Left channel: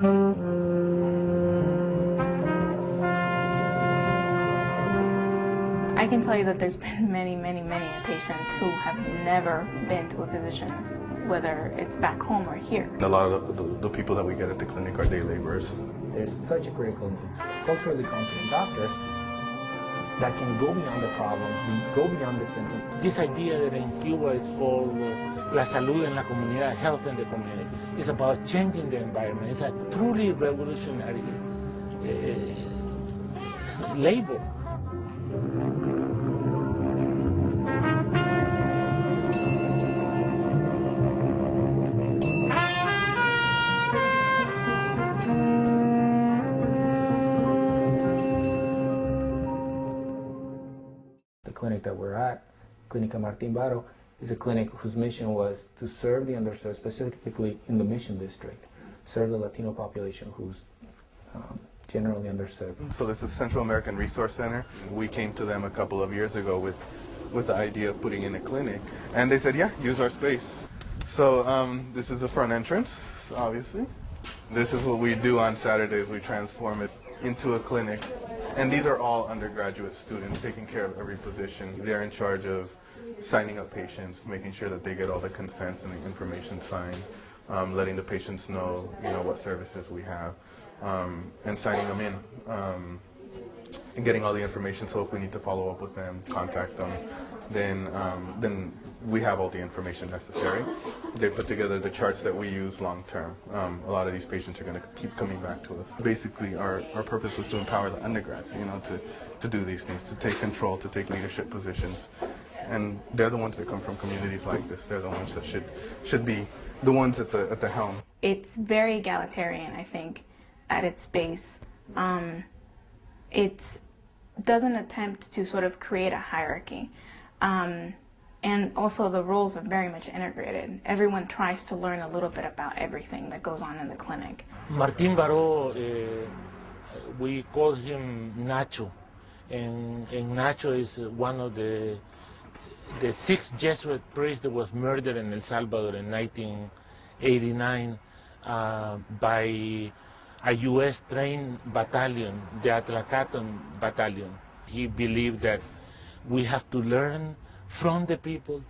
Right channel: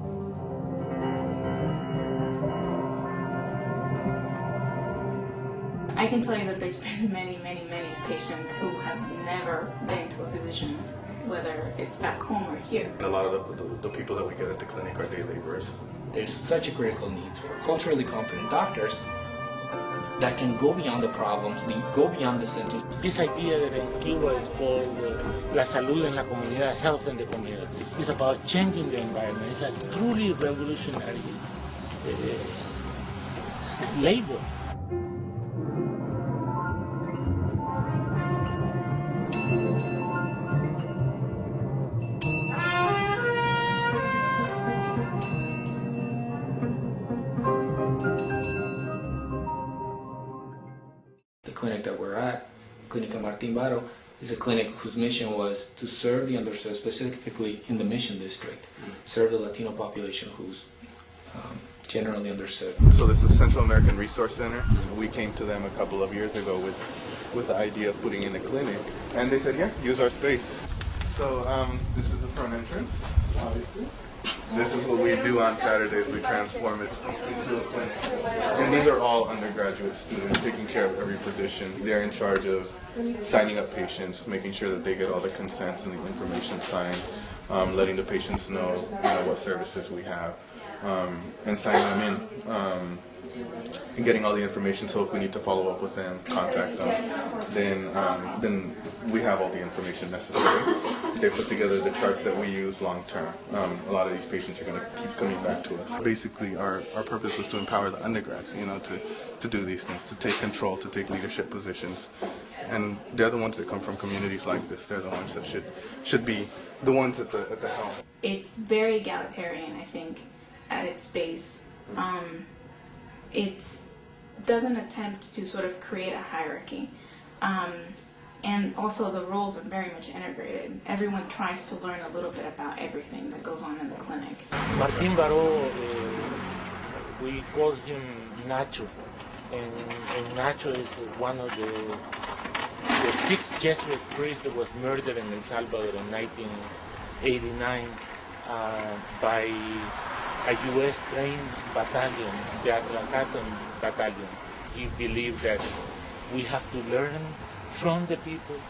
I can tell you that there's been many patients who have never been to a physician, whether it's back home or here. A lot of the people that we get at the clinic are day laborers. There's such a critical need for culturally competent doctors that can go beyond the problems, go beyond the symptoms. This idea that in Cuba is called la salud en la comunidad, health in the community, is about changing the environment. It's a truly revolutionary label. The clinic that we're at, Clinica Martin Baro, is a clinic whose mission was to serve the underserved, specifically in the Mission District, serve the Latino population who's generally underserved. So this is Central American Resource Center. We came to them a couple of years ago with the idea of putting in a clinic, and they said, yeah, use our space. So this is the front entrance, obviously. This is what we do on Saturdays. We transform it into a clinic. And these are all undergraduate students taking care of every position. They're in charge of signing up patients, making sure that they get all the consents and the information signed, letting the patients know, what services we have, and signing them in, and getting all the information. So if we need to follow up with them, contact them, then we have all the information necessary. They put together the charts that we use long term. A lot of these patients are going to keep coming back to us. Basically, our purpose was to empower the undergrads, to do these things, to take control, to take leadership positions. And they're the ones that come from communities like this. They're the ones that should be the ones at the helm. It's very egalitarian, I think, at its base. It doesn't attempt to sort of create a hierarchy. And also the roles are very much integrated. Everyone tries to learn a little bit about everything that goes on in the clinic. Martin Baro, we call him Nacho. And Nacho is one of the 6 Jesuit priests that was murdered in El Salvador in 1989 by a U.S. trained battalion, the Atlacatan battalion. He believed that we have to learn from the people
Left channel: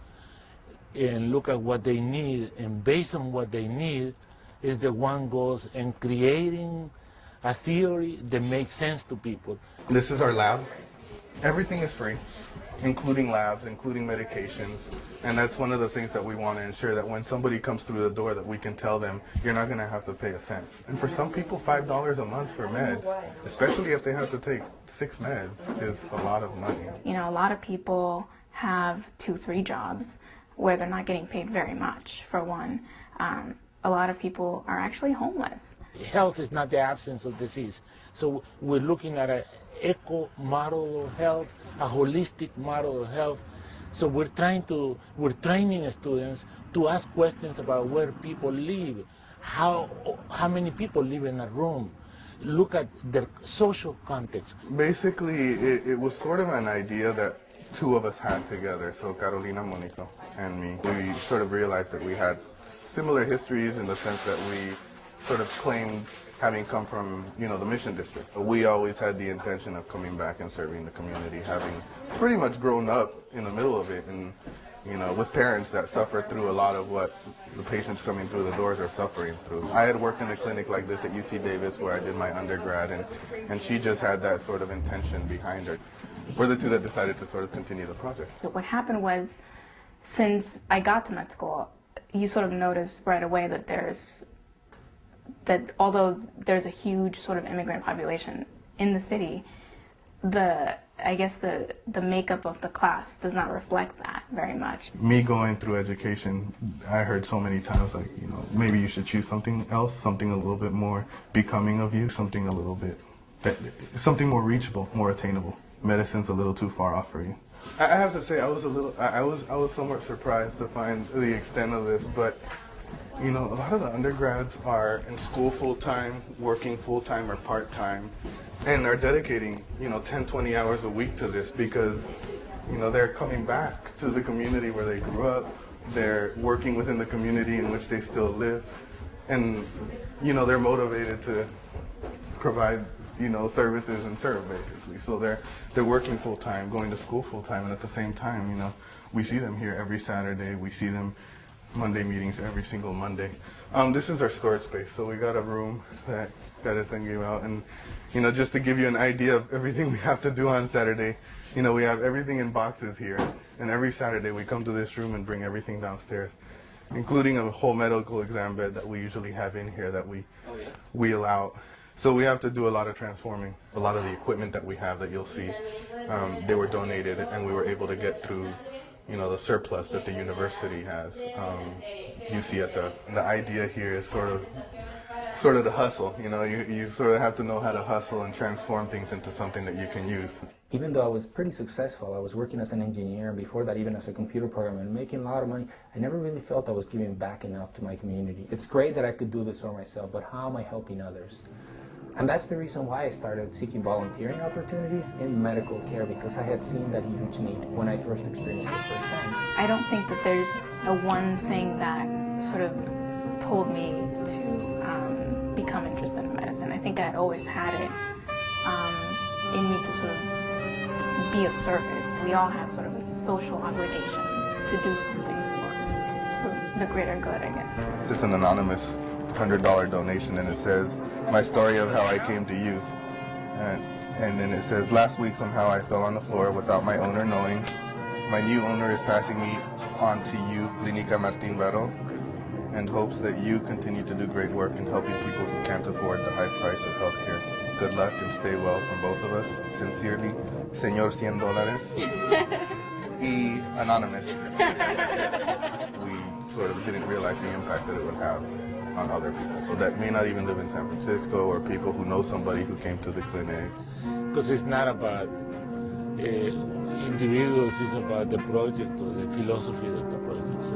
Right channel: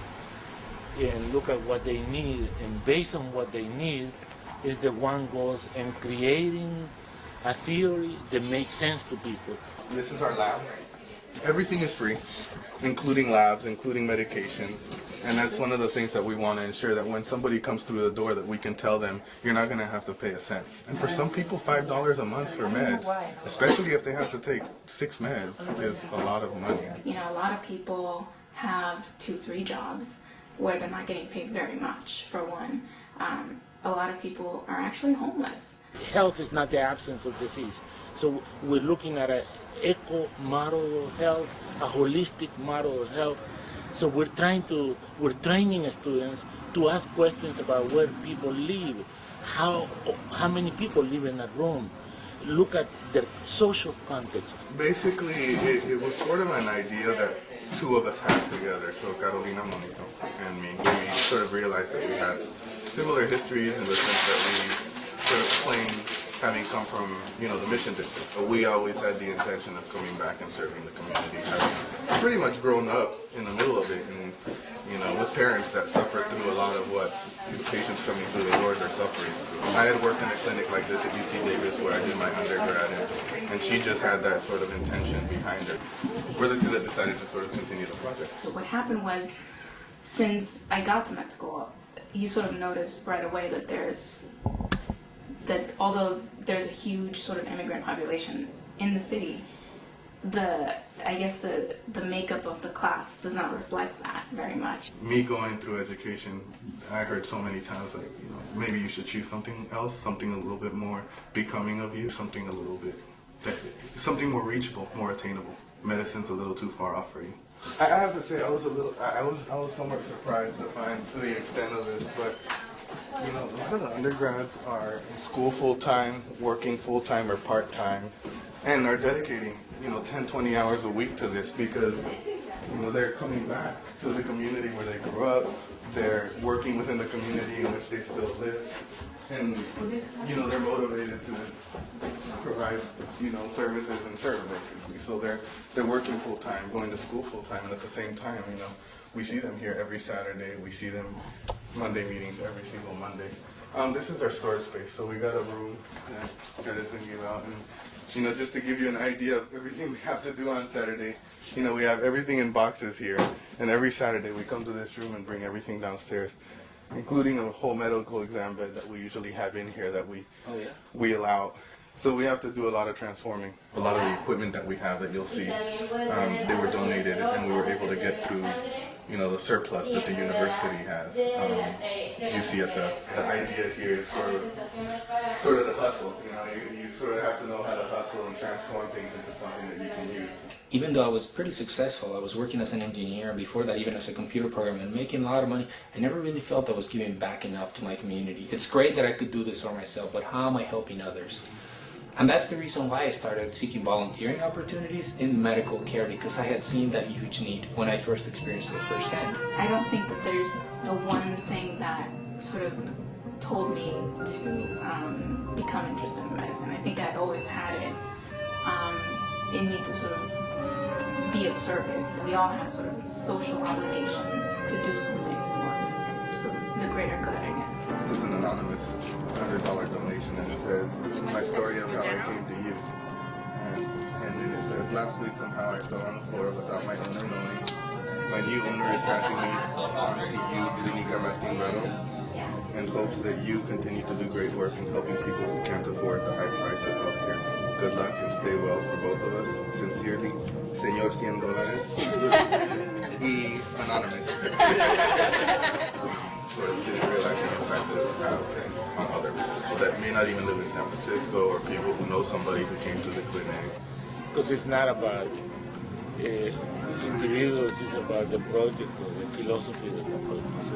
and look at what they need, and based on what they need is the one goes and creating a theory that makes sense to people. This is our lab. Everything is free, including labs, including medications, and that's one of the things that we want to ensure, that when somebody comes through the door that we can tell them, you're not going to have to pay a cent. And for some people, $5 a month for meds, especially if they have to take 6 meds, is a lot of money. A lot of people have 2-3 jobs where they're not getting paid very much, for one. A lot of people are actually homeless. Health is not the absence of disease. So we're looking at an eco model of health, a holistic model of health. So we're training students to ask questions about where people live, how many people live in a room, look at the social context. Basically, it was sort of an idea that 2 of us had together, so Carolina, Monico, and me. We sort of realized that we had similar histories in the sense that we sort of claimed having come from, the Mission District. We always had the intention of coming back and serving the community, having pretty much grown up in the middle of it, and, with parents that suffered through a lot of what the patients coming through the doors are suffering through. I had worked in a clinic like this at UC Davis where I did my undergrad, and she just had that sort of intention behind her. We're the 2 that decided to sort of continue the project. What happened was, since I got to med school, you sort of notice right away that although there's a huge sort of immigrant population in the city, the makeup of the class does not reflect that very much. Me going through education, I heard so many times, like, maybe you should choose something else, something a little bit more becoming of you, something something more reachable, more attainable. Medicine's a little too far off for you. I have to say, I was somewhat surprised to find the extent of this, but a lot of the undergrads are in school full-time, working full-time or part-time, and they're dedicating, 10, 20 hours a week to this because, they're coming back to the community where they grew up, they're working within the community in which they still live, and they're motivated to provide services and serve basically. So they're working full time, going to school full time, and at the same time, we see them here every Saturday. We see them Monday meetings every single Monday. This is our storage space. So we got a room that is gave out, and just to give you an idea of everything we have to do on Saturday. We have everything in boxes here, and every Saturday we come to this room and bring everything downstairs, including a whole medical exam bed that we usually have in here that we allow. So we have to do a lot of transforming. A lot of the equipment that we have that you'll see, they were donated, and we were able to get through, the surplus that the university has, UCSF. And the idea here is sort of the hustle. You sort of have to know how to hustle and transform things into something that you can use. Even though I was pretty successful, I was working as an engineer, and before that even as a computer programmer and making a lot of money, I never really felt I was giving back enough to my community. It's great that I could do this for myself, but how am I helping others? And that's the reason why I started seeking volunteering opportunities in medical care, because I had seen that huge need when I first experienced it firsthand. I don't think that there's a one thing that sort of told me to become interested in medicine. I think I always had it in me to sort of be of service. We all have sort of a social obligation to do something for the greater good, I guess. It's an anonymous $100 donation, and it says, "My story of how I came to you." And then it says, "Last week somehow I fell on the floor without my owner knowing. My new owner is passing me on to you, Clinica Martin Baro, and hopes that you continue to do great work in helping people who can't afford the high price of healthcare. Good luck and stay well from both of us. Sincerely, Señor $100 y Anonymous." We sort of didn't realize the impact that it would have on other people. So that may not even live in San Francisco, or people who know somebody who came to the clinic. Because it's not about individuals, it's about the project or the philosophy that the project is.